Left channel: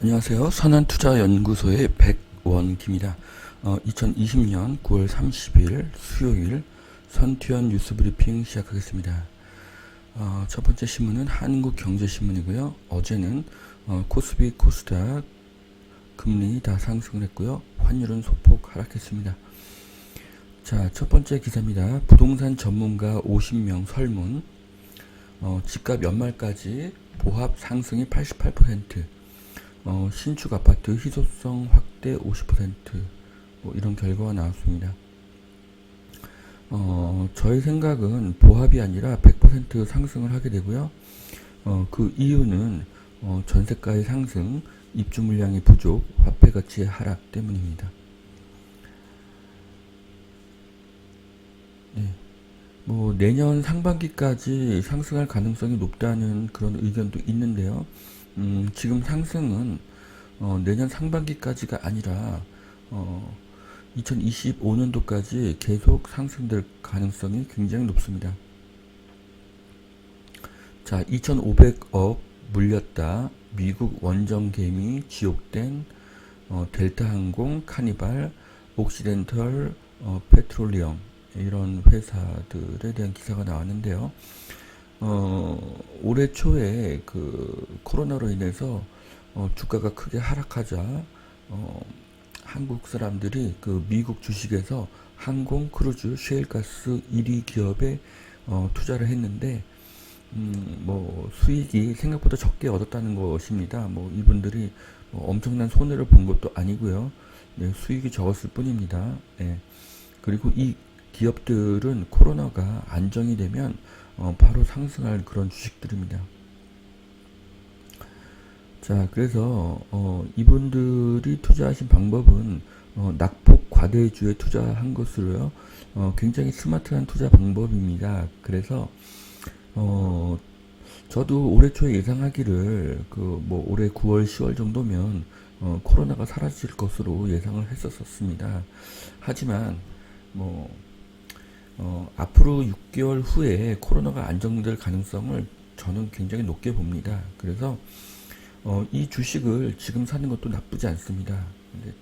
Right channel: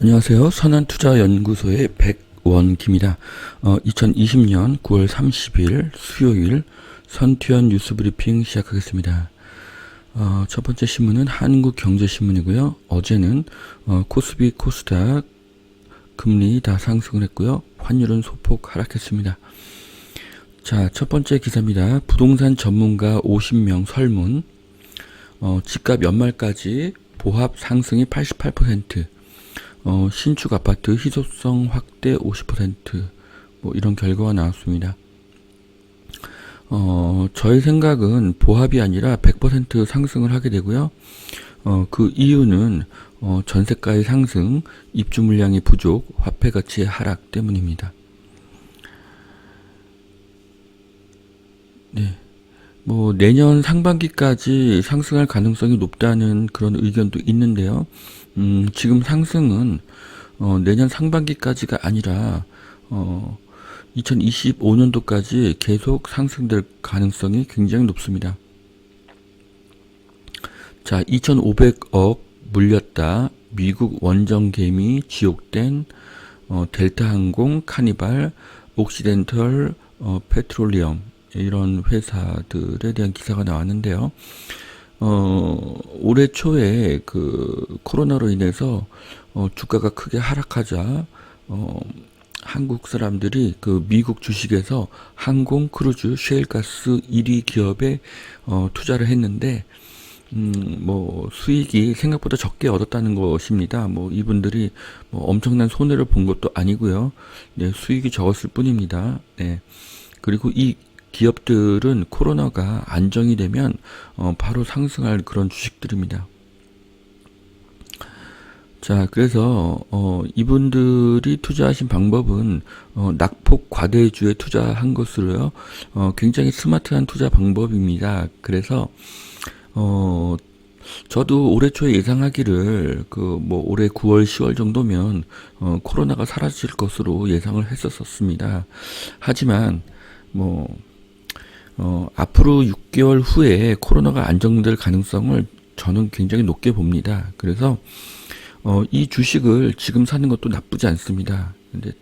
안녕하세요. 선한투자연구소의 백원기입니다. 2020년 9월 30일 수요일 선투연 뉴스브리핑 시작하겠습니다. 첫 번째 신문은 한국경제신문이고요. 어제는 코스피, 코스닥 금리 다 상승을 했고요. 환율은 소폭 하락했습니다. 자, 첫 번째 기사입니다. 부동산 전문가 50명 설문. 집값 연말까지 보합 상승이 88%. 신축 아파트 희소성 확대 50%, 뭐 이런 결과가 나왔습니다. 저희 생각은 보합이 아니라 100% 상승을 하게 되고요. 그 이유는 전세가의 상승, 입주 물량이 부족, 화폐 가치의 하락 때문입니다. 네. 뭐 내년 상반기까지 상승할 가능성이 높다는 그런 의견도 있는데요. 지금 상승은 내년 상반기까지가 아니라 2025년도까지 계속 상승될 가능성이 굉장히 높습니다. 자, 2,500억 물렸다. 미국 원정개미 지옥된 델타항공, 카니발, 옥시덴털, 페트롤리엄 이런 회사들에 대한 기사가 나왔는데요. 올해 초에 그 코로나로 인해서 주가가 크게 하락하자 한국 사람들이 그 미국 주식에서 항공, 크루즈, 셰일가스 1위 기업에 투자를 했는데 뭐 수익이 생각보다 적게 얻었다는 것입니다. 뭐 이분들이 뭐 엄청난 손해를 본 것도 아니고요. 네, 수익이 적었을 뿐입니다. 네. 그리고 이 기업들은 코로나가 안정이 되면 바로 상승할 그런 주식들입니다. 자, 그래서 이분들이 투자하신 방법은 낙폭 과대주에 투자한 것으로요. 굉장히 스마트한 투자 방법입니다. 그래서 저도 올해 초에 예상하기를 그 뭐 올해 9월, 10월 정도면 코로나가 사라질 것으로 예상을 했었습니다. 하지만 뭐 앞으로 6개월 후에 코로나가 안정될 가능성을 저는 굉장히 높게 봅니다. 그래서 이 주식을 지금 사는 것도 나쁘지 않습니다. 근데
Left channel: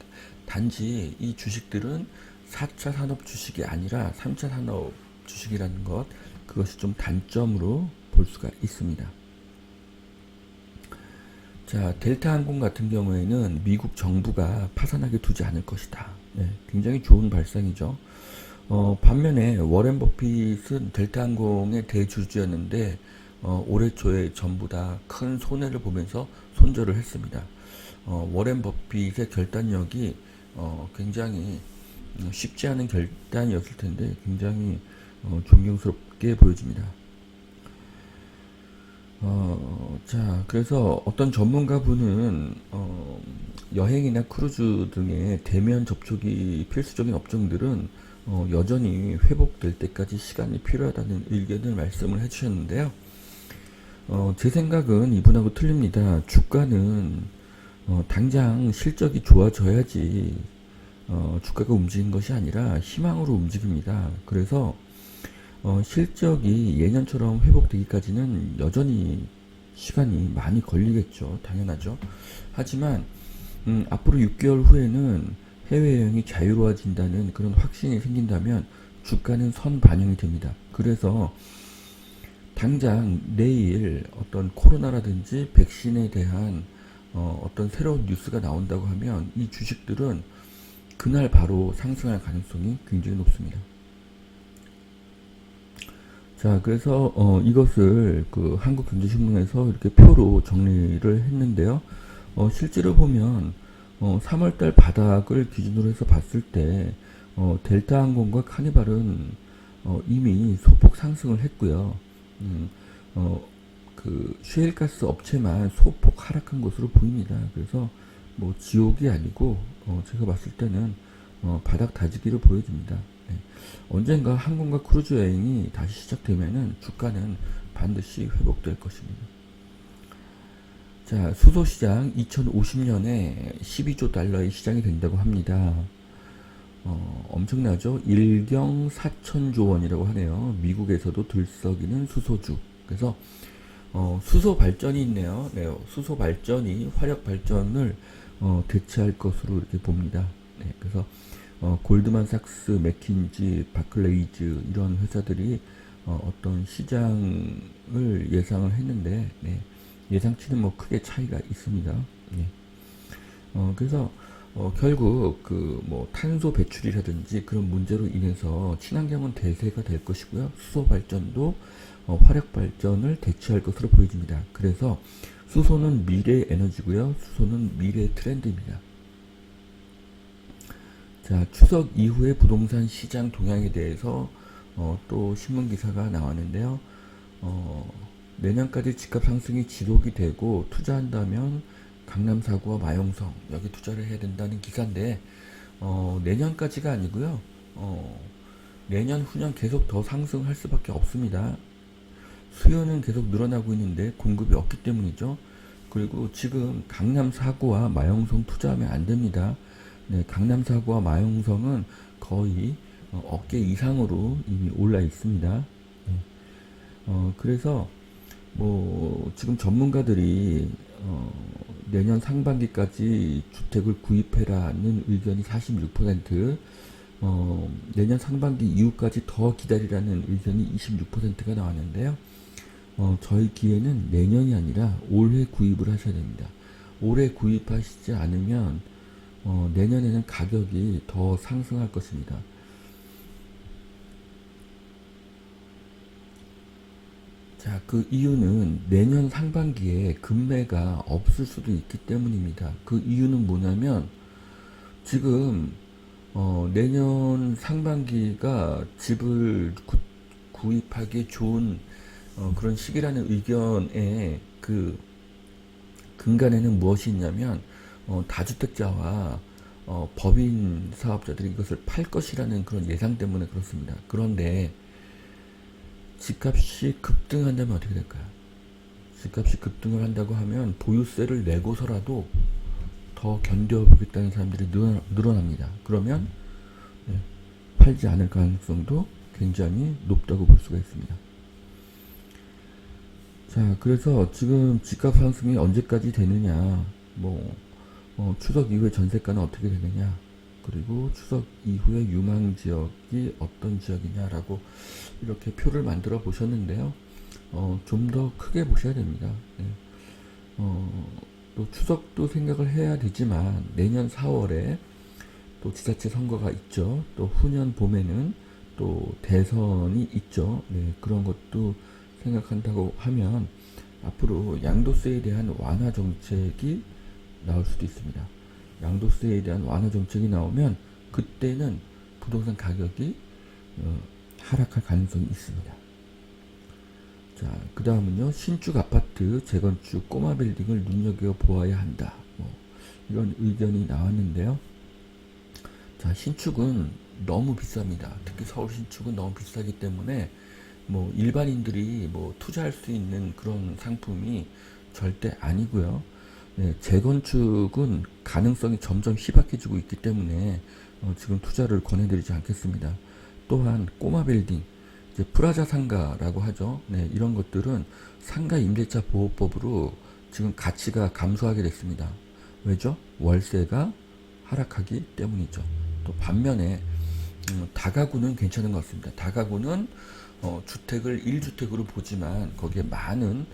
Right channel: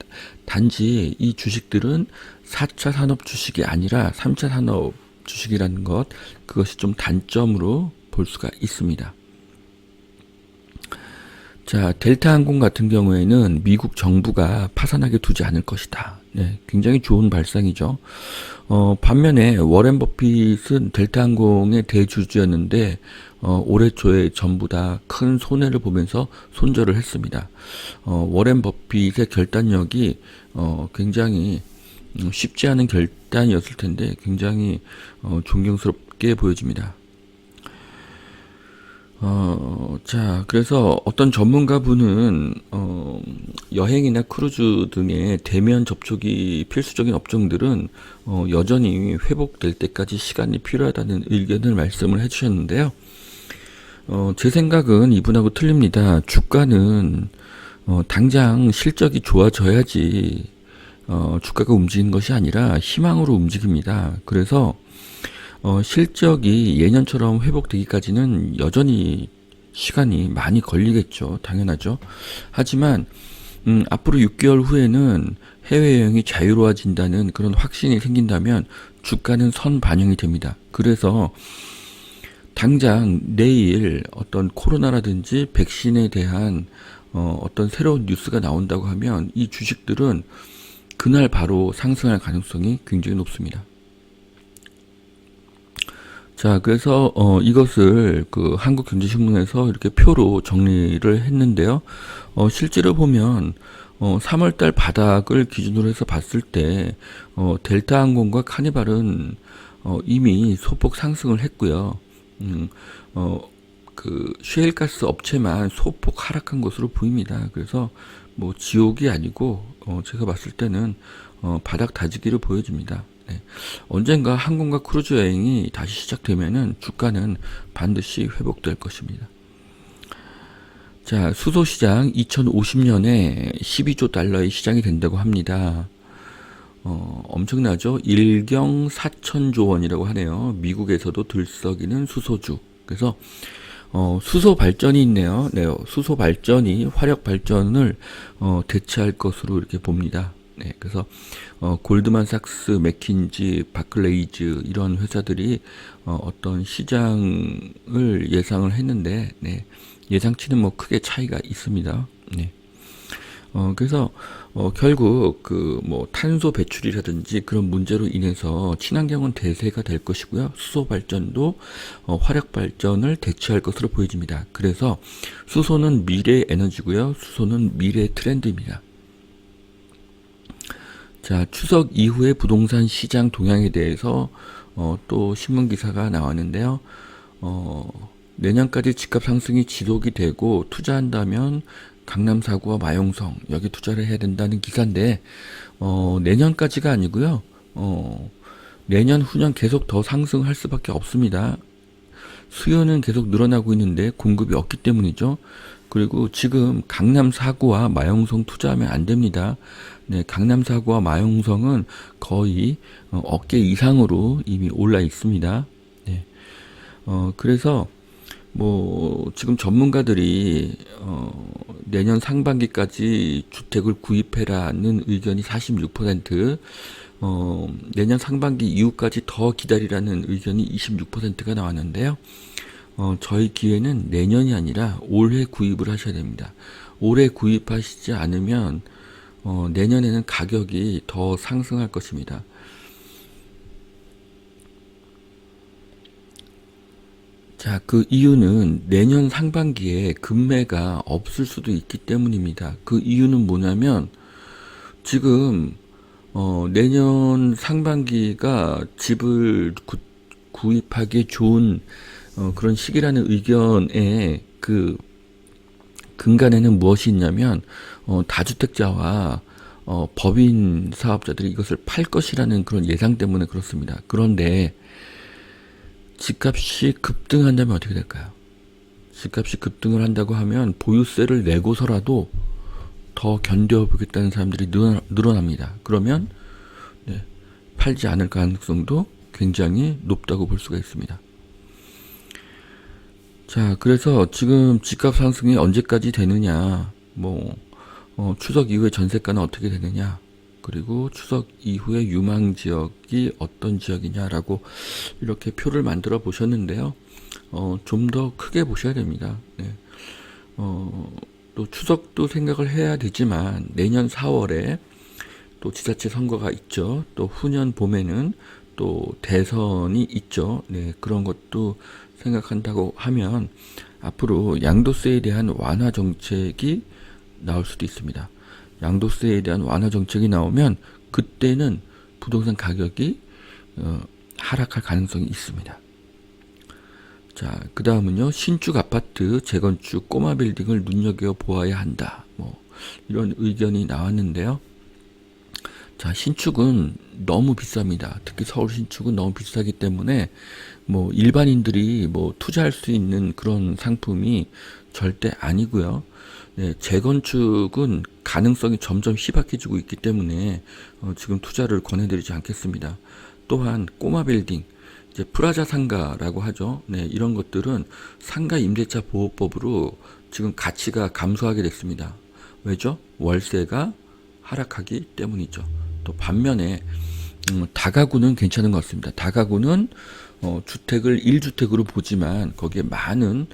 단지 이 주식들은 4차 산업 주식이 아니라 3차 산업 주식이라는 것, 그것이 좀 단점으로 볼 수가 있습니다. 자, 델타항공 같은 경우에는 미국 정부가 파산하게 두지 않을 것이다. 네, 굉장히 좋은 발상이죠. 반면에 워렌 버핏은 델타항공의 대주주였는데 올해 초에 전부 다 큰 손해를 보면서 손절을 했습니다. 워렌 버핏의 결단력이 굉장히 쉽지 않은 결단이었을 텐데 굉장히 존경스럽게 보여집니다. 자, 그래서 어떤 전문가분은 여행이나 크루즈 등의 대면 접촉이 필수적인 업종들은 여전히 회복될 때까지 시간이 필요하다는 의견을 말씀을 해주셨는데요. 제 생각은 이분하고 틀립니다. 주가는 당장 실적이 좋아져야지 주가가 움직이는 것이 아니라 희망으로 움직입니다. 그래서 실적이 예년처럼 회복되기까지는 여전히 시간이 많이 걸리겠죠. 당연하죠. 하지만 앞으로 6개월 후에는 해외여행이 자유로워진다는 그런 확신이 생긴다면 주가는 선반영이 됩니다. 그래서 당장 내일 어떤 코로나라든지 백신에 대한 어떤 새로운 뉴스가 나온다고 하면 이 주식들은 그날 바로 상승할 가능성이 굉장히 높습니다. 자, 그래서 이것을 그 한국경제신문에서 이렇게 표로 정리를 했는데요. 실제로 보면 3월달 바닥을 기준으로 해서 봤을 때 델타항공과 카니발은 이미 소폭 상승을 했고요. 그 셰일가스 업체만 소폭 하락한 것으로 보입니다. 그래서 뭐 지옥이 아니고 제가 봤을 때는 바닥 다지기를 보여집니다. 네. 언젠가 항공과 크루즈 여행이 다시 시작되면은 주가는 반드시 회복될 것입니다. 자, 수소시장 2050년에 12조 달러의 시장이 된다고 합니다. 엄청나죠? 1경 4천조 원이라고 하네요. 미국에서도 들썩이는 수소주. 그래서 수소 발전이 있네요. 네, 수소 발전이 화력 발전을 대체할 것으로 이렇게 봅니다. 네, 그래서 골드만삭스, 맥킨지, 바클레이즈 이런 회사들이 어떤 시장을 예상을 했는데, 네, 예상치는 뭐 크게 차이가 있습니다. 네. 그래서 결국 그 뭐 탄소 배출이라든지 그런 문제로 인해서 친환경은 대세가 될 것이고요. 수소 발전도 화력 발전을 대체할 것으로 보여집니다. 그래서 수소는 미래 에너지고요. 수소는 미래 트렌드입니다. 자, 추석 이후의 부동산 시장 동향에 대해서 또 신문 기사가 나왔는데요. 내년까지 집값 상승이 지속이 되고 투자한다면 강남 4구와 마용성 여기 투자를 해야 된다는 기사인데 내년까지가 아니고요. 내년 후년 계속 더 상승할 수밖에 없습니다. 수요는 계속 늘어나고 있는데 공급이 없기 때문이죠. 그리고 지금 강남 4구와 마용성 투자하면 안 됩니다. 네, 강남 4구와 마용성은 거의 어깨 이상으로 이미 올라 있습니다. 네, 그래서 뭐 지금 전문가들이 내년 상반기까지 주택을 구입해라는 의견이 46%, 내년 상반기 이후까지 더 기다리라는 의견이 26%가 나왔는데요. 저희 기회는 내년이 아니라 올해 구입을 하셔야 됩니다. 올해 구입하시지 않으면 내년에는 가격이 더 상승할 것입니다. 자, 그 이유는 내년 상반기에 급매가 없을 수도 있기 때문입니다. 그 이유는 뭐냐면 지금 내년 상반기가 집을 구입하기 좋은 그런 시기라는 의견에 그 근간에는 무엇이 있냐면 다주택자와 법인 사업자들이 이것을 팔 것이라는 그런 예상 때문에 그렇습니다. 그런데 집값이 급등한다면 어떻게 될까요? 집값이 급등을 한다고 하면 보유세를 내고서라도 더 견뎌보겠다는 사람들이 늘어납니다. 그러면 네, 팔지 않을 가능성도 굉장히 높다고 볼 수가 있습니다. 자, 그래서 지금 집값 상승이 언제까지 되느냐, 뭐 추석 이후에 전세가는 어떻게 되느냐, 그리고 추석 이후에 유망 지역이 어떤 지역이냐라고 이렇게 표를 만들어 보셨는데요. 좀 더 크게 보셔야 됩니다. 네. 또 추석도 생각을 해야 되지만 내년 4월에 또 지자체 선거가 있죠. 또 후년 봄에는 또 대선이 있죠. 네, 그런 것도 생각한다고 하면 앞으로 양도세에 대한 완화 정책이 나올 수도 있습니다. 양도세에 대한 완화 정책이 나오면 그때는 부동산 가격이 하락할 가능성이 있습니다. 자, 그 다음은요. 신축 아파트, 재건축, 꼬마 빌딩을 눈여겨보아야 한다. 뭐 이런 의견이 나왔는데요. 자, 신축은 너무 비쌉니다. 특히 서울 신축은 너무 비싸기 때문에 뭐 일반인들이 뭐 투자할 수 있는 그런 상품이 절대 아니고요. 네, 재건축은 가능성이 점점 희박해지고 있기 때문에 지금 투자를 권해드리지 않겠습니다. 또한 꼬마 빌딩, 이제 프라자 상가라고 하죠. 네, 이런 것들은 상가 임대차 보호법으로 지금 가치가 감소하게 됐습니다. 왜죠? 월세가 하락하기 때문이죠. 또 반면에 다가구는 괜찮은 것 같습니다. 다가구는 주택을 1주택으로 보지만 거기에 많은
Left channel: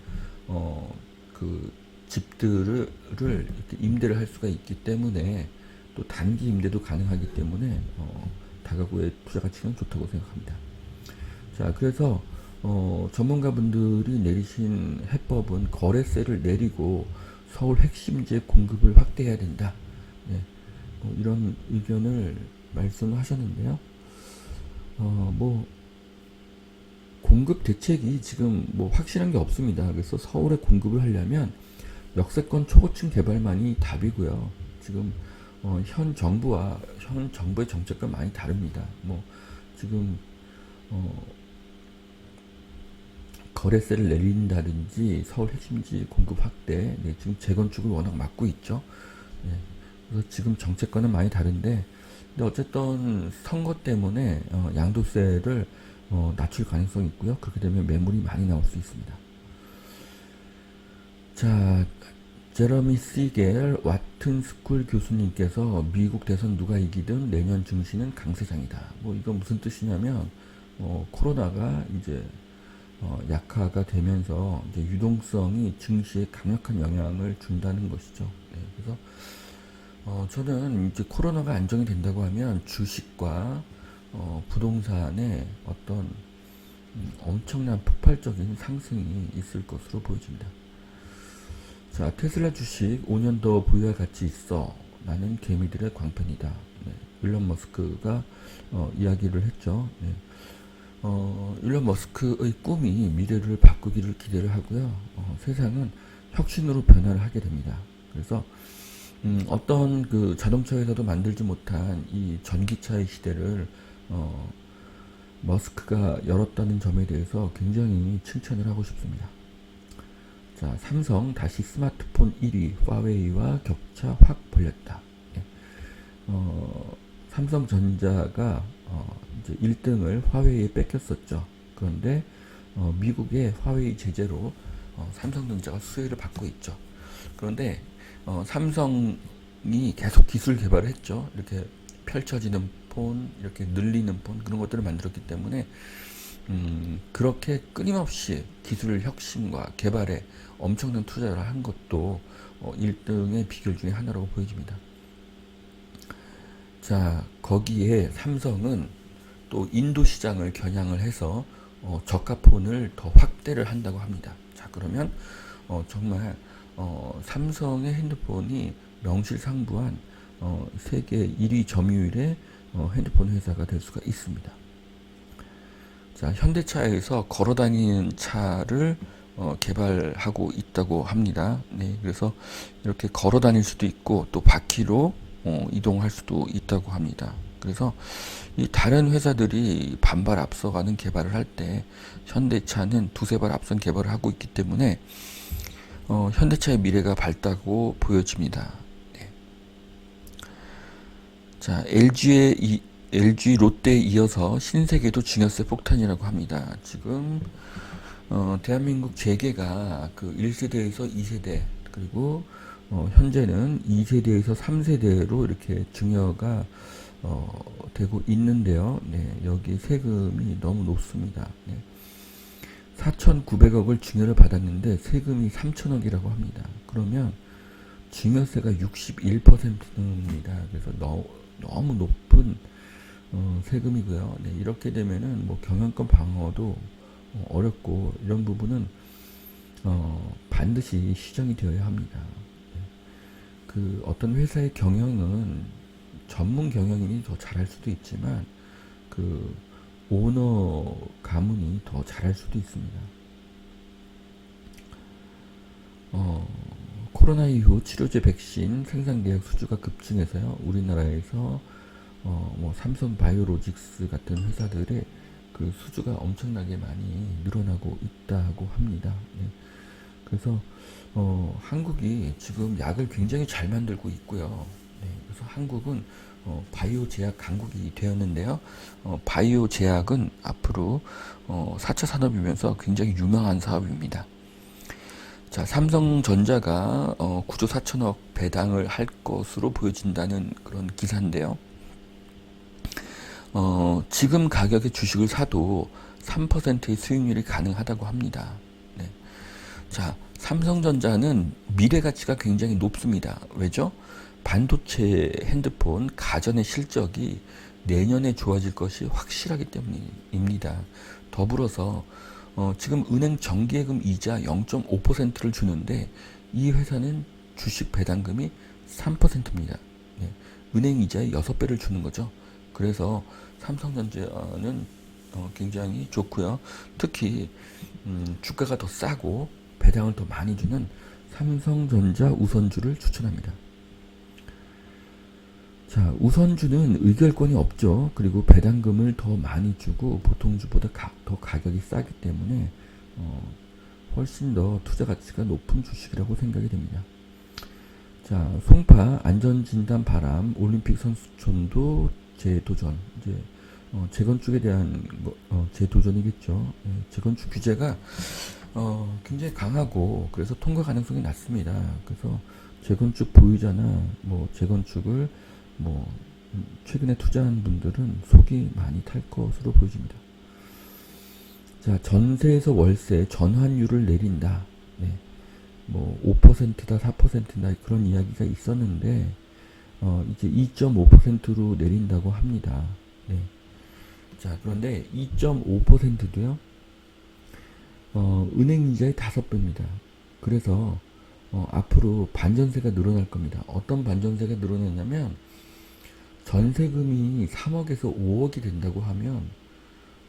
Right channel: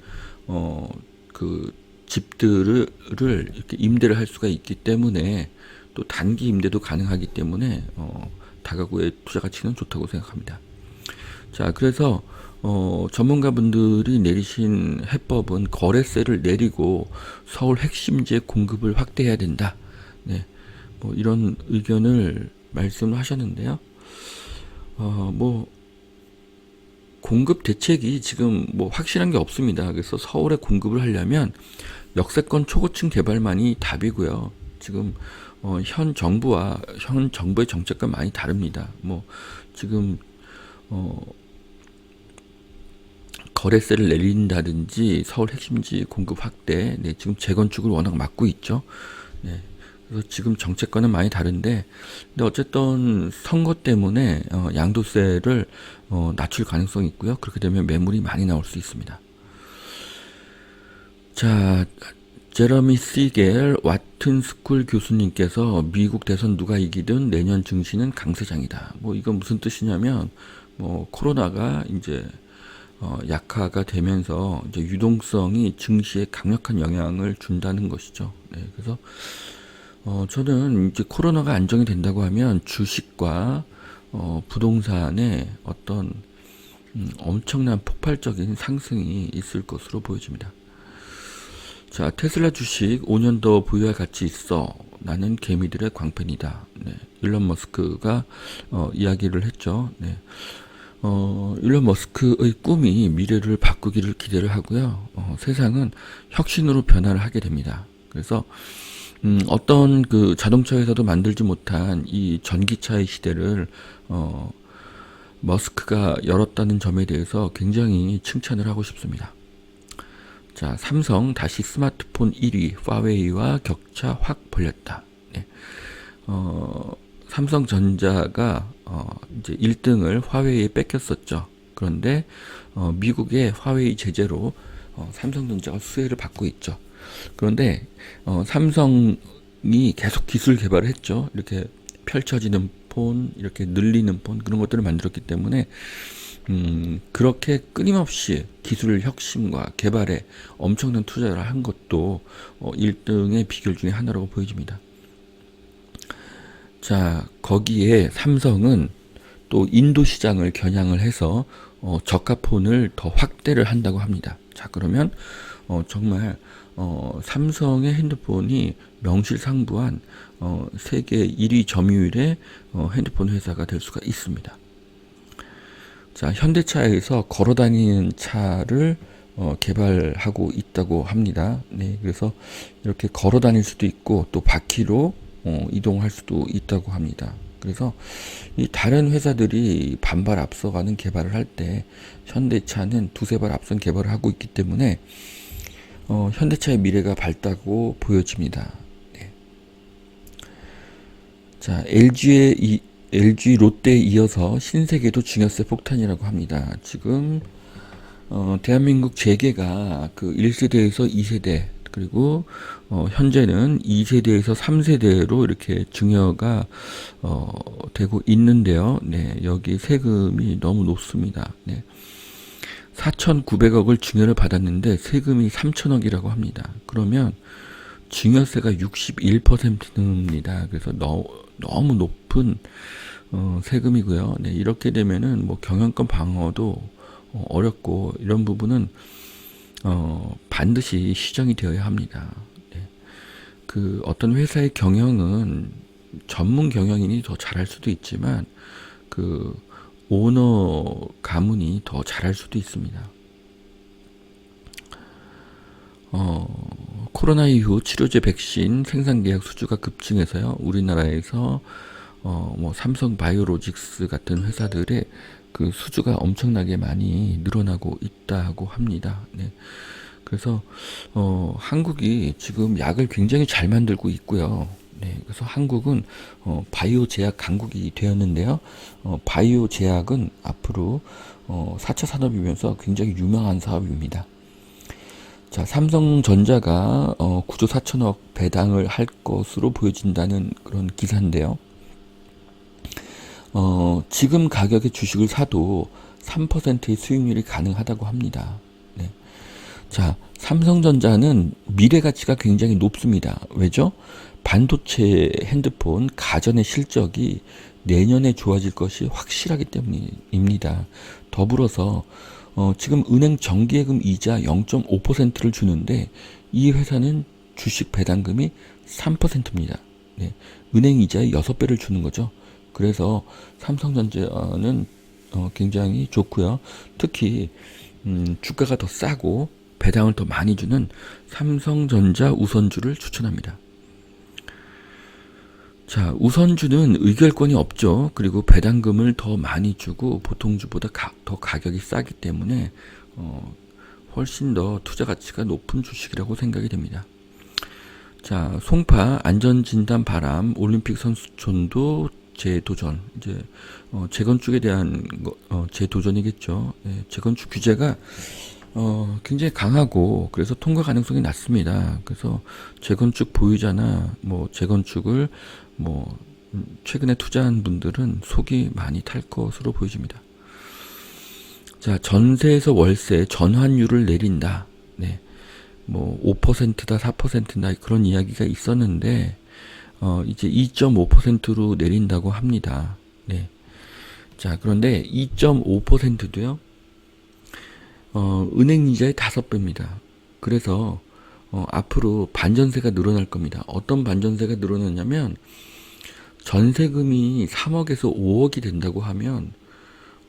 그 집들을 이렇게 임대를 할 수가 있기 때문에 또 단기 임대도 가능하기 때문에 다가구의 투자 가치는 좋다고 생각합니다. 자, 그래서 전문가분들이 내리신 해법은 거래세를 내리고 서울 핵심지의 공급을 확대해야 된다. 네, 뭐 이런 의견을 말씀하셨는데요. 뭐 공급 대책이 지금 뭐 확실한 게 없습니다. 그래서 서울에 공급을 하려면 역세권 초고층 개발만이 답이고요. 지금 현 정부의 정책과 많이 다릅니다. 뭐 지금 거래세를 내린다든지 서울 핵심지 공급 확대, 네, 지금 재건축을 워낙 막고 있죠. 네, 그래서 지금 정책과는 많이 다른데, 근데 어쨌든 선거 때문에 양도세를 낮출 가능성이 있고요. 그렇게 되면 매물이 많이 나올 수 있습니다. 자, 제러미 시겔 와튼 스쿨 교수님께서 미국 대선 누가 이기든 내년 증시는 강세장이다. 뭐 이건 무슨 뜻이냐면, 뭐 코로나가 이제 약화가 되면서 이제 유동성이 증시에 강력한 영향을 준다는 것이죠. 네, 그래서 저는 이제 코로나가 안정이 된다고 하면 주식과 부동산의 어떤 엄청난 폭발적인 상승이 있을 것으로 보여집니다. 자, 테슬라 주식 5년 더 보유할 가치 있어. 나는 개미들의 광팬이다. 네, 일론 머스크가 이야기를 했죠. 네. 일론 머스크의 꿈이 미래를 바꾸기를 기대를 하고요. 세상은 혁신으로 변화를 하게 됩니다. 그래서 어떤 그 자동차에서도 만들지 못한 이 전기차의 시대를 머스크가 열었다는 점에 대해서 굉장히 칭찬을 하고 싶습니다. 자, 삼성 다시 스마트폰 1위 화웨이와 격차 확 벌렸다. 네. 삼성전자가 이제 1등을 화웨이에 뺏겼었죠. 그런데 미국의 화웨이 제재로 삼성전자가 수혜를 받고 있죠. 그런데 삼성이 계속 기술 개발을 했죠. 이렇게 펼쳐지는 폰, 이렇게 늘리는 폰 그런 것들을 만들었기 때문에 그렇게 끊임없이 기술 혁신과 개발에 엄청난 투자를 한 것도 1등의 비결 중에 하나라고 보여집니다. 자, 거기에 삼성은 또 인도 시장을 겨냥을 해서 저가폰을 더 확대를 한다고 합니다. 자, 그러면 정말 삼성의 핸드폰이 명실상부한 세계 1위 점유율의 핸드폰 회사가 될 수가 있습니다. 자, 현대차에서 걸어다니는 차를 개발하고 있다고 합니다. 네, 그래서 이렇게 걸어다닐 수도 있고 또 바퀴로 이동할 수도 있다고 합니다. 그래서 이 다른 회사들이 반발 앞서가는 개발을 할 때 현대차는 두세 발 앞선 개발을 하고 있기 때문에 현대차의 미래가 밝다고 보여집니다. 네. 자, LG 롯데에 이어서 신세계도 증여세 폭탄이라고 합니다. 지금 대한민국 재계가 그 1세대에서 2세대 그리고 현재는 2세대에서 3세대로 이렇게 증여가 되고 있는데요. 네, 여기 세금이 너무 높습니다. 네. 4,900억을 증여를 받았는데 세금이 3,000억이라고 합니다. 그러면 증여세가 61%입니다. 그래서 너무 높은 세금이고요. 네, 이렇게 되면은 뭐 경영권 방어도 어렵고 이런 부분은 반드시 시정이 되어야 합니다. 네, 그 어떤 회사의 경영은 전문 경영인이 더 잘할 수도 있지만 그 오너 가문이 더 잘할 수도 있습니다. 코로나 이후 치료제 백신 생산 계약 수주가 급증해서요. 우리나라에서 뭐 삼성 바이오로직스 같은 회사들의 그 수주가 엄청나게 많이 늘어나고 있다고 합니다. 네. 그래서 한국이 지금 약을 굉장히 잘 만들고 있고요. 네, 그래서 한국은 바이오 제약 강국이 되었는데요. 바이오 제약은 앞으로 4차 산업이면서 굉장히 유명한 사업입니다. 자, 삼성전자가 9조 4천억 배당을 할 것으로 보여진다는 그런 기사인데요. 지금 가격의 주식을 사도 3%의 수익률이 가능하다고 합니다. 네. 자, 삼성전자는 미래 가치가 굉장히 높습니다. 왜죠? 반도체 핸드폰 가전의 실적이 내년에 좋아질 것이 확실하기 때문입니다. 더불어서 지금 은행 정기예금 이자 0.5%를 주는데 이 회사는 주식 배당금이 3%입니다. 네, 은행 이자의 6배를 주는 거죠. 그래서 삼성전자는 굉장히 좋고요. 특히 주가가 더 싸고 배당을 더 많이 주는 삼성전자 우선주를 추천합니다. 자, 우선주는 의결권이 없죠. 그리고 배당금을 더 많이 주고 보통주보다 더 가격이 싸기 때문에 훨씬 더 투자 가치가 높은 주식이라고 생각이 됩니다. 자, 송파 안전진단 바람 올림픽 선수촌도 재도전. 이제 재건축에 대한 재도전이겠죠. 예, 재건축 규제가 굉장히 강하고 그래서 통과 가능성이 낮습니다. 그래서 재건축 보유자나 뭐 재건축을 뭐 최근에 투자한 분들은 속이 많이 탈 것으로 보여집니다. 자, 전세에서 월세 전환율을 내린다. 네. 뭐 5%다 4%나 그런 이야기가 있었는데 이제 2.5%로 내린다고 합니다. 네. 자, 그런데 2.5%도요. 은행 이자의 5배입니다. 그래서 앞으로 반전세가 늘어날 겁니다. 어떤 반전세가 늘어나냐면 전세금이 3억에서 5억이 된다고 하면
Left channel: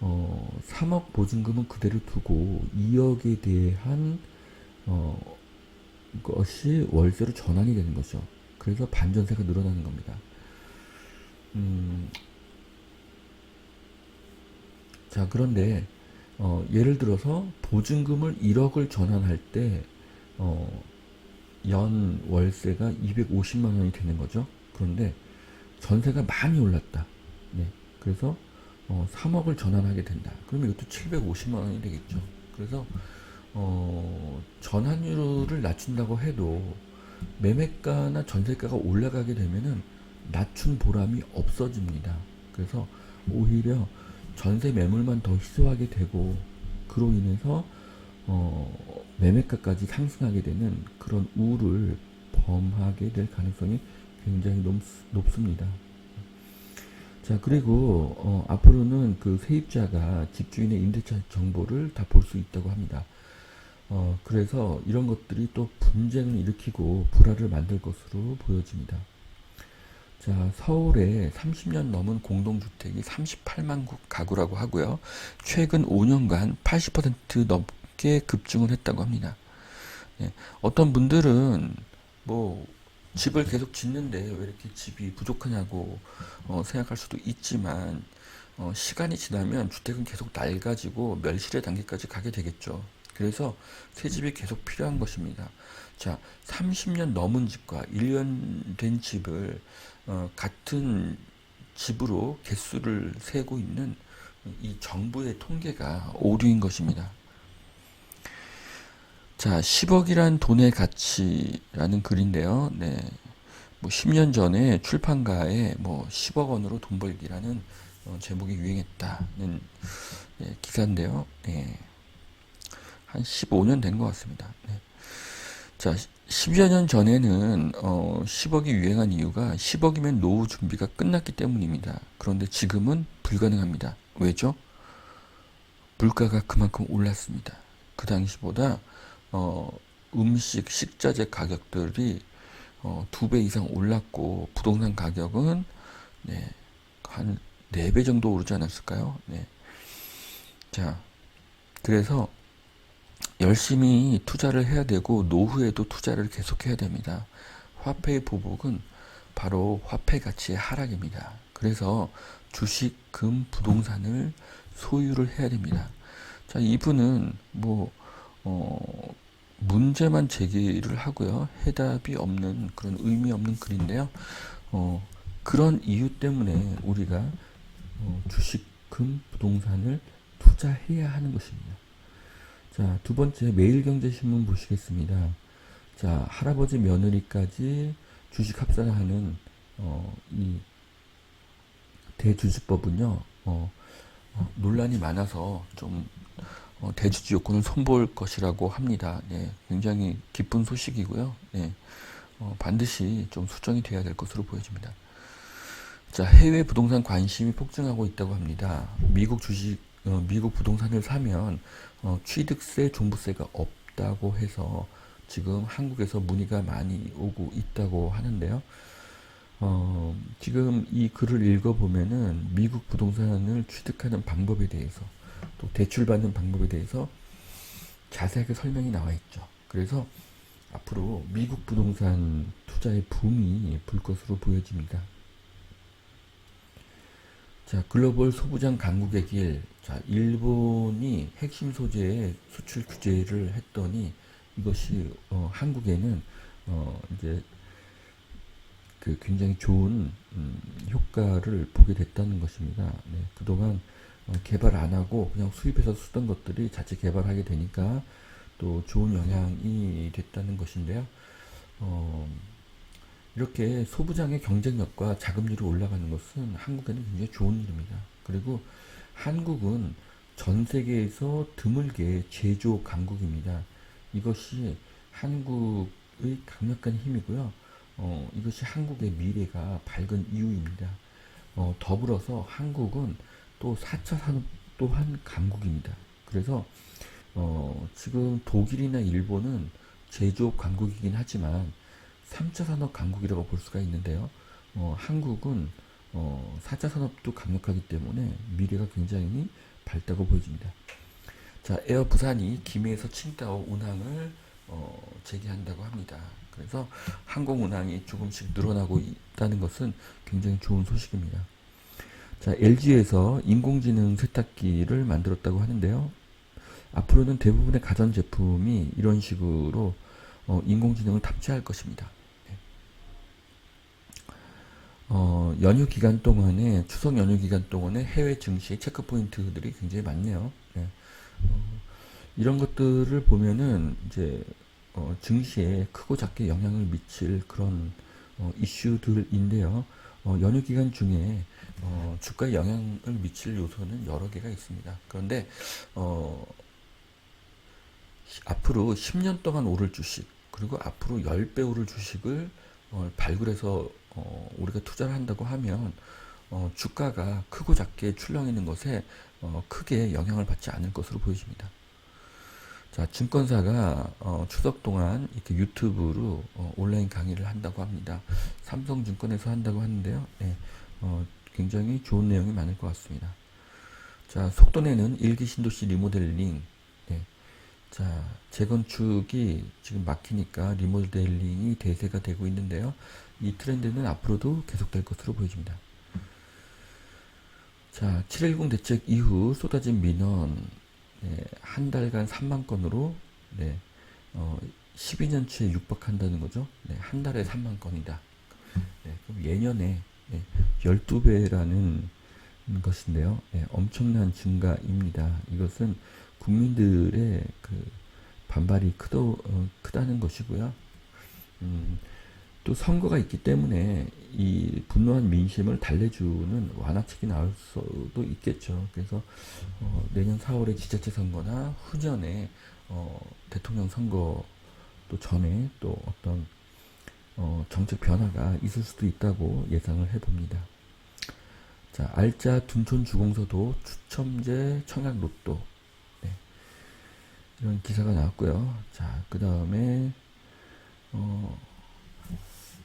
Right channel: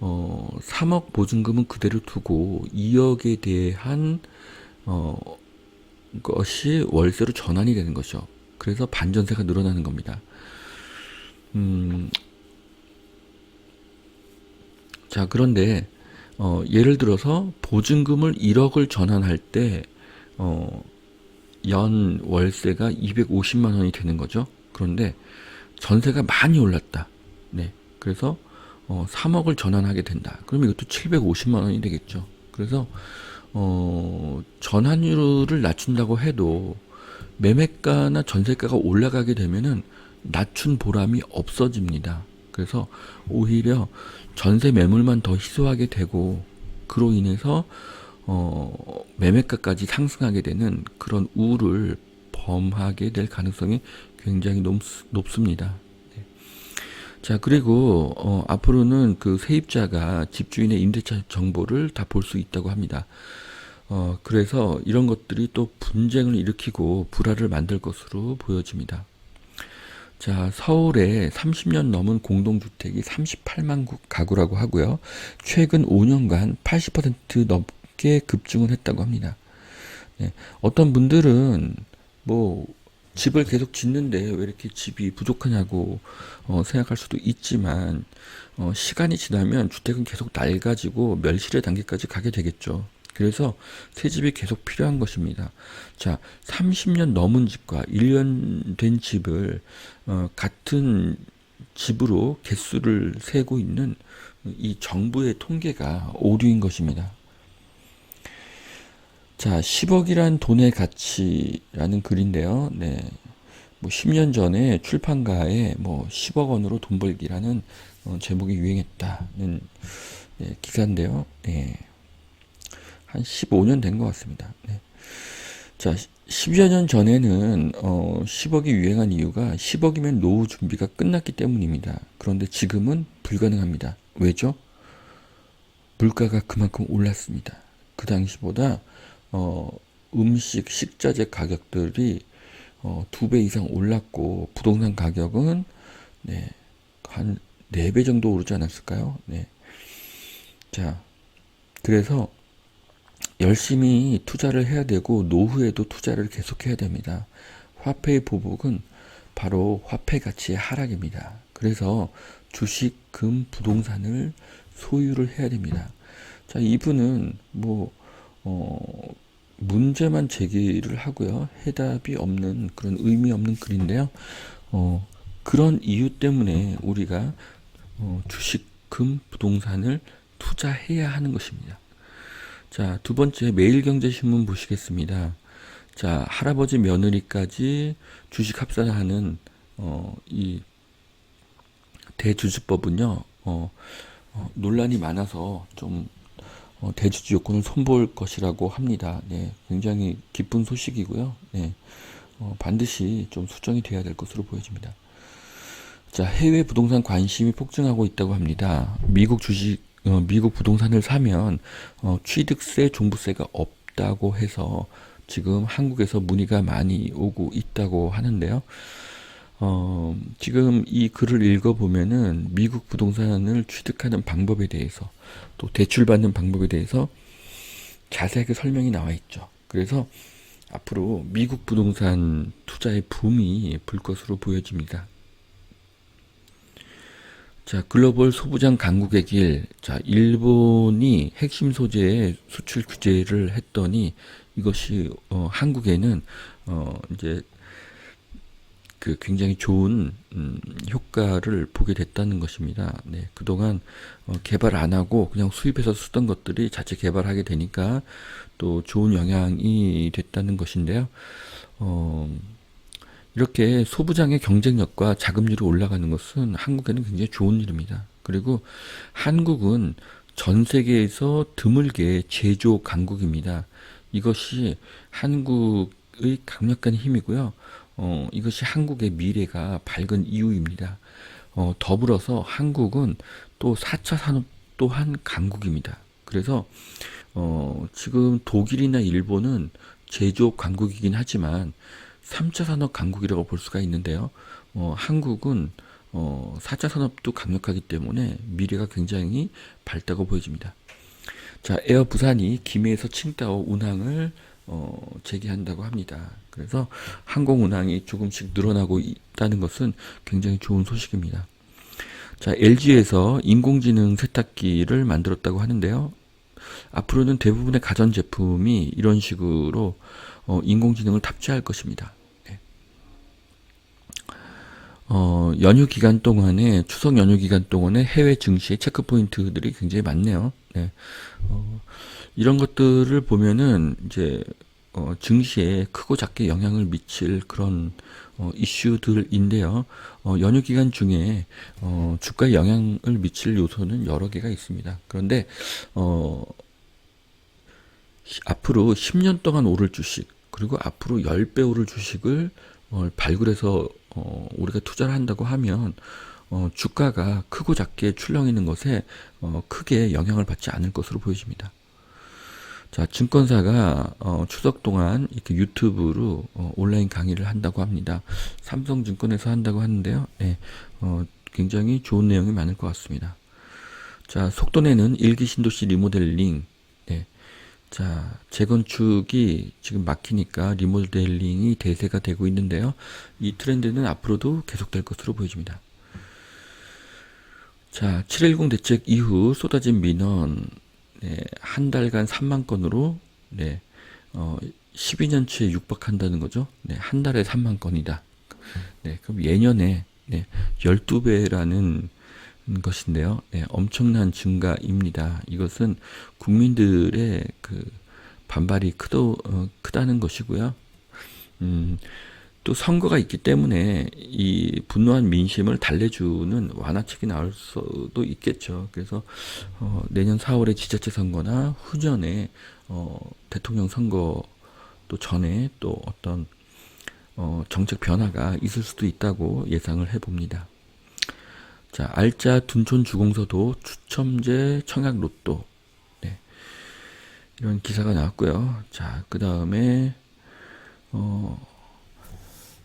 3억 보증금은 그대로 두고 2억에 대한 것이 월세로 전환이 되는 거죠. 그래서 반전세가 늘어나는 겁니다. 자, 그런데 예를 들어서 보증금을 1억을 전환할 때 연 월세가 250만 원이 되는 거죠. 그런데 전세가 많이 올랐다. 네. 그래서 3억을 전환하게 된다. 그럼 이것도 750만 원이 되겠죠. 그래서 전환율을 낮춘다고 해도 매매가나 전세가가 올라가게 되면은 낮춘 보람이 없어집니다. 그래서 오히려 전세 매물만 더 희소하게 되고 그로 인해서 매매가까지 상승하게 되는 그런 우를 범하게 될 가능성이 굉장히 높습니다. 자, 그리고 앞으로는 그 세입자가 집주인의 임대차 정보를 다 볼 수 있다고 합니다. 그래서 이런 것들이 또 분쟁을 일으키고 불화를 만들 것으로 보여집니다. 자, 서울에 30년 넘은 공동주택이 38만 가구라고 하고요. 최근 5년간 80% 넘게 급증을 했다고 합니다. 네, 어떤 분들은 뭐 집을 계속 짓는데 왜 이렇게 집이 부족하냐고 생각할 수도 있지만 시간이 지나면 주택은 계속 낡아지고 멸실의 단계까지 가게 되겠죠. 그래서 새 집이 계속 필요한 것입니다. 자, 30년 넘은 집과 1년 된 집을 같은 집으로 개수를 세고 있는 이 정부의 통계가 오류인 것입니다. 자, 10억이란 돈의 가치라는 글인데요. 네. 뭐 10년 전에 출판가에 뭐 10억 원으로 돈 벌기라는 제목이 유행했다는 기사인데요. 네. 한 15년 된 것 같습니다. 네. 자, 10여 년 전에는 10억이 유행한 이유가 10억이면 노후 준비가 끝났기 때문입니다. 그런데 지금은 불가능합니다. 왜죠? 물가가 그만큼 올랐습니다. 그 당시보다 음식, 식자재 가격들이 2배 이상 올랐고 부동산 가격은 네, 한 4배 정도 오르지 않았을까요? 네. 자, 그래서 열심히 투자를 해야 되고 노후에도 투자를 계속해야 됩니다. 화폐의 보복은 바로 화폐 가치의 하락입니다. 그래서 주식, 금, 부동산을 소유를 해야 됩니다. 자, 이분은 뭐 문제만 제기를 하고요. 해답이 없는 그런 의미 없는 글인데요. 그런 이유 때문에 우리가 주식, 금, 부동산을 투자해야 하는 것입니다. 자, 두 번째 매일경제신문 보시겠습니다. 자, 할아버지 며느리까지 주식 합산하는 이 대주주법은요. 논란이 많아서 좀 대주주 요건을 손볼 것이라고 합니다. 네, 굉장히 기쁜 소식이고요. 네, 반드시 좀 수정이 돼야 될 것으로 보여집니다. 자, 해외 부동산 관심이 폭증하고 있다고 합니다. 미국 부동산을 사면 취득세, 종부세가 없다고 해서 지금 한국에서 문의가 많이 오고 있다고 하는데요. 지금 이 글을 읽어보면은 미국 부동산을 취득하는 방법에 대해서 또 대출받는 방법에 대해서 자세하게 설명이 나와 있죠. 그래서 앞으로 미국 부동산 투자의 붐이 불 것으로 보여집니다. 자, 글로벌 소부장 강국의 길. 자, 일본이 핵심 소재의 수출 규제를 했더니 이것이 한국에는 이제 그 굉장히 좋은 효과를 보게 됐다는 것입니다. 네, 그동안 개발 안 하고 그냥 수입해서 쓰던 것들이 자체 개발하게 되니까 또 좋은 영향이 됐다는 것인데요. 어, 이렇게 소부장의 경쟁력과 자금률이 올라가는 것은 한국에는 굉장히 좋은 일입니다. 그리고 한국은 전 세계에서 드물게 제조 강국입니다. 이것이 한국의 강력한 힘이고요. 이것이 한국의 미래가 밝은 이유입니다. 더불어서 한국은 또 4차 산업 또한 강국입니다. 그래서 지금 독일이나 일본은 제조업 강국이긴 하지만 3차 산업 강국이라고 볼 수가 있는데요. 한국은 4차 산업도 강력하기 때문에 미래가 굉장히 밝다고 보여집니다. 자, 에어 부산이 김해에서 칭다오 운항을 재개한다고 합니다. 그래서 항공 운항이 조금씩 늘어나고 있다는 것은 굉장히 좋은 소식입니다. 자, LG에서 인공지능 세탁기를 만들었다고 하는데요. 앞으로는 대부분의 가전제품이 이런 식으로 인공지능을 탑재할 것입니다. 네. 연휴 기간 동안에, 추석 연휴 기간 동안에 해외 증시의 체크 포인트들이 굉장히 많네요. 네. 이런 것들을 보면은 이제 증시에 크고 작게 영향을 미칠 그런 이슈들인데요. 연휴 기간 중에 주가에 영향을 미칠 요소는 여러 개가 있습니다. 그런데 앞으로 10년 동안 오를 주식, 그리고 앞으로 10배 오를 주식을 발굴해서 우리가 투자를 한다고 하면 주가가 크고 작게 출렁이는 것에 크게 영향을 받지 않을 것으로 보여집니다. 자, 증권사가 추석 동안 이렇게 유튜브로 온라인 강의를 한다고 합니다. 삼성증권에서 한다고 하는데요. 네, 굉장히 좋은 내용이 많을 것 같습니다. 자, 속도내는 일기 신도시 리모델링. 네, 자, 재건축이 지금 막히니까 리모델링이 대세가 되고 있는데요. 이 트렌드는 앞으로도 계속될 것으로 보여집니다. 자, 7.10 대책 이후 쏟아진 민원, 네, 한 달간 3만 건으로, 네, 12년치에 육박한다는 거죠. 네, 한 달에 3만 건이다. 네, 그럼 예년에 12배라는 것인데요. 네, 엄청난 증가입니다. 이것은 국민들의 그 반발이 크다는 것이고요. 음, 또 선거가 있기 때문에 이 분노한 민심을 달래주는 완화책이 나올 수도 있겠죠. 그래서 내년 4월에 지자체 선거나 후년에 대통령 선거 또 전에 또 어떤 정책 변화가 있을 수도 있다고 예상을 해봅니다. 자, 알짜 둔촌 주공서도 추첨제 청약 로또, 네, 이런 기사가 나왔고요. 자, 그 다음에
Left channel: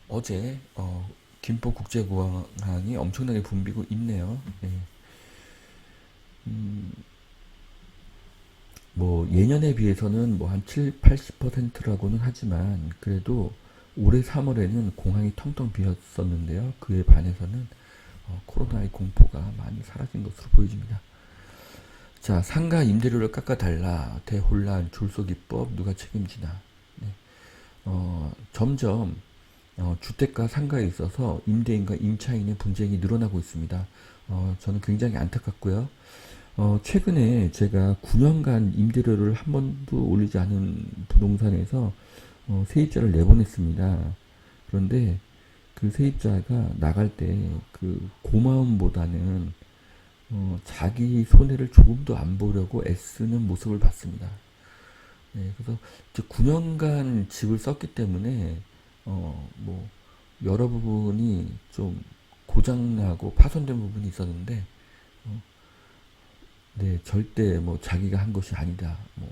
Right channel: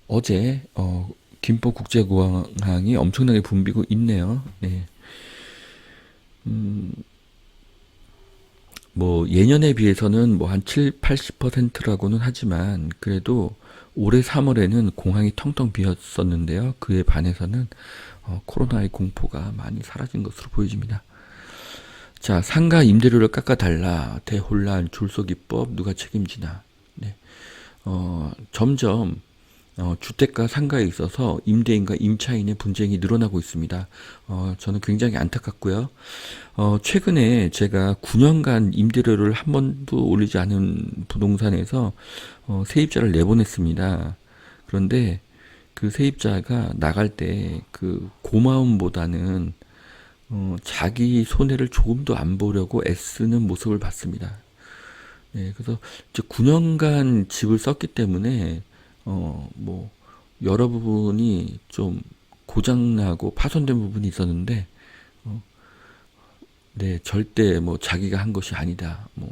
어제 김포국제공항이 엄청나게 붐비고 있네요. 네. 뭐 예년에 비해서는 뭐 한 7, 80%라고는 하지만 그래도 올해 3월에는 공항이 텅텅 비었었는데요. 그에 반해서는 코로나의 공포가 많이 사라진 것으로 보여집니다. 자, 상가 임대료를 깎아달라. 대혼란, 졸속이법 누가 책임지나. 네. 점점 주택과 상가에 있어서 임대인과 임차인의 분쟁이 늘어나고 있습니다. 저는 굉장히 안타깝고요. 최근에 제가 9년간 임대료를 한 번도 올리지 않은 부동산에서 세입자를 내보냈습니다. 그런데 그 세입자가 나갈 때 그 고마움보다는 자기 손해를 조금도 안 보려고 애쓰는 모습을 봤습니다. 네, 그래서 이제 9년간 집을 썼기 때문에 뭐 여러 부분이 좀 고장나고 파손된 부분이 있었는데 네, 절대 뭐 자기가 한 것이 아니다. 뭐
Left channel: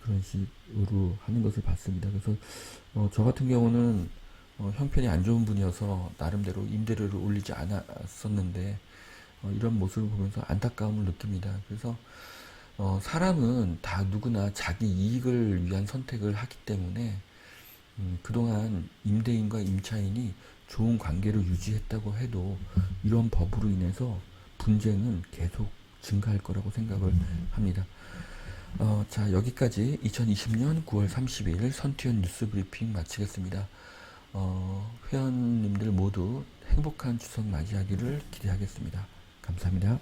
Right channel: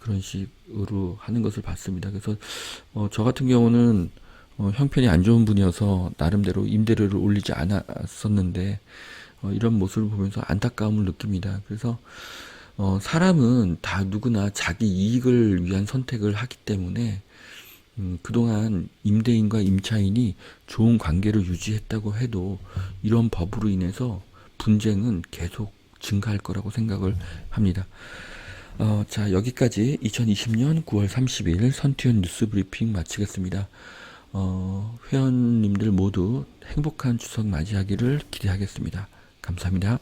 그런 식으로 하는 것을 봤습니다. 그래서 저 같은 경우는 형편이 안 좋은 분이어서 나름대로 임대료를 올리지 않았었는데 이런 모습을 보면서 안타까움을 느낍니다. 그래서 사람은 다 누구나 자기 이익을 위한 선택을 하기 때문에 그동안 임대인과 임차인이 좋은 관계를 유지했다고 해도 이런 법으로 인해서 분쟁은 계속 증가할 거라고 생각을 합니다. 자, 여기까지 2020년 9월 30일 선티원 뉴스 브리핑 마치겠습니다. 회원님들 모두 행복한 추석 맞이하기를 기대하겠습니다. 감사합니다.